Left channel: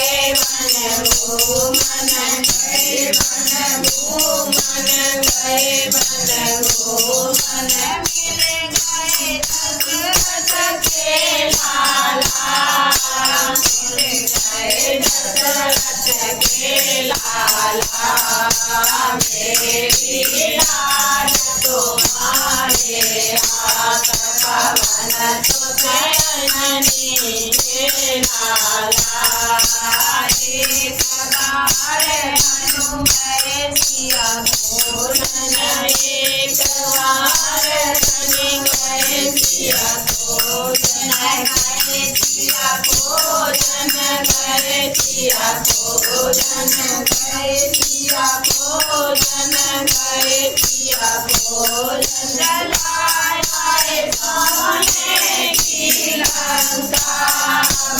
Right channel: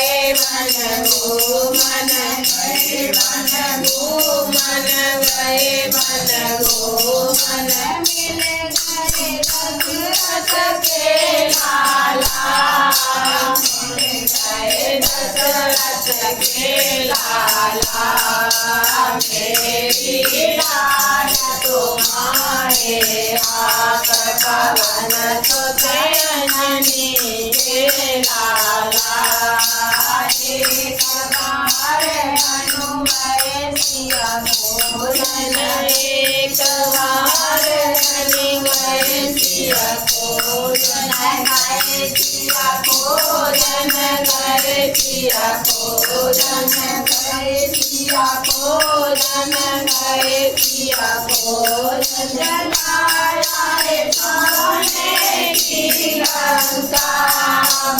गए मन घूमन गए मन घूमन गए मन घूमन मिल गए दशरथ के लाला मिल गए दशरथ के लाला मेरी लाज तुम्हारे हाथ पवन सुत अंजनी के लाला एक बार मनु गए सिया भोजन एक बार बनि गए सिया भोजन गए सिया भोजन गए सिया भोजन गए सिया भोजन गए सिया भोजन लाए सोने की लंका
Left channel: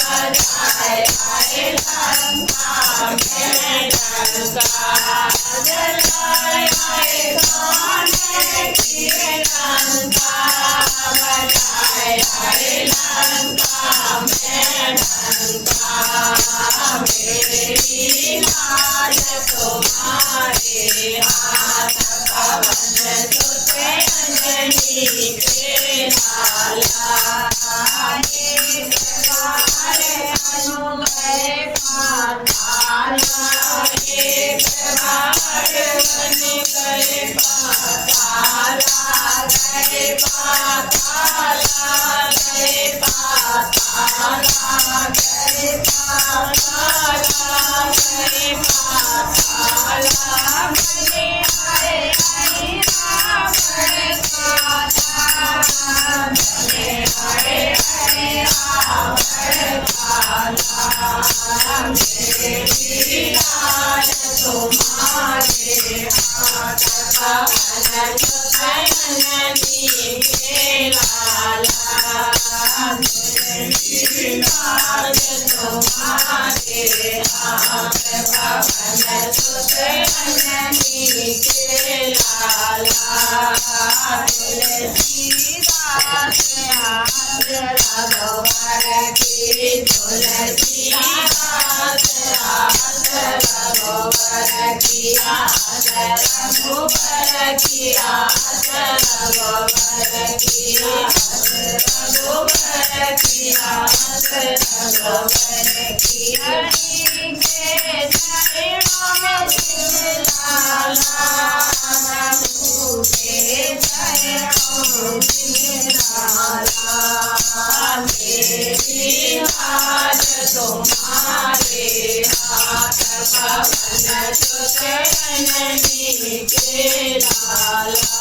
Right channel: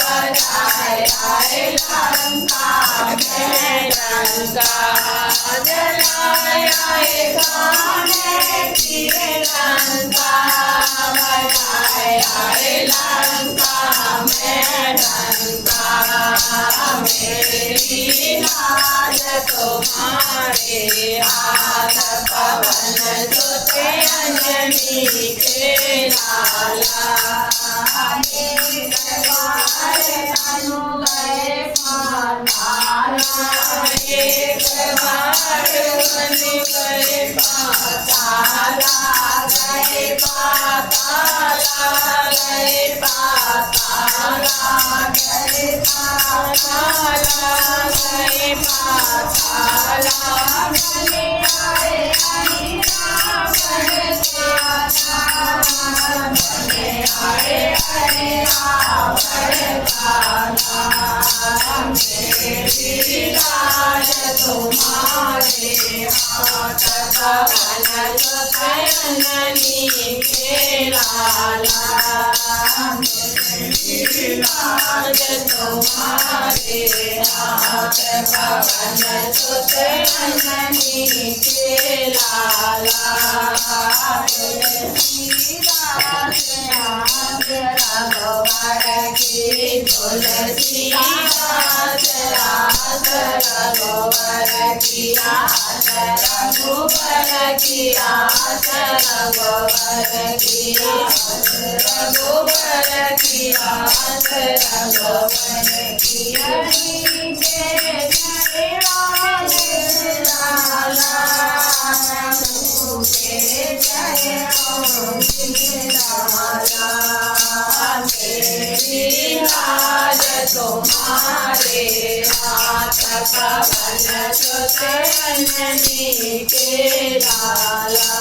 बजाए आए लंका में लंका जलाए आए सोने की लंका बजाए आए लंका में लंका मेरी लाज तुम्हारे हाथ पवन सुत अंजनी के लाला एक बार मनु गए पाताला एक बार बनि गए पाताला गए पाताला गए पाताला गए पाताला गए पाताला बनि आए हरि रावण के लाला बनि आए हरि रावण लाला मेरी लाज तुम्हारे हाथ पवन सुत अंजनी के लाला मेरी लाज तुम्हारे हाथ पवन सुत अंजनी के लाला रघुवर की तुलसी दास रघुवर की आस रघुवर की आस रघुवर की आस रघुवर की आस रघुवर की हरि के जय लाला के जय लाला मेरी लाज तुम्हारे हाथ पवन सुत अंजनी के लाला।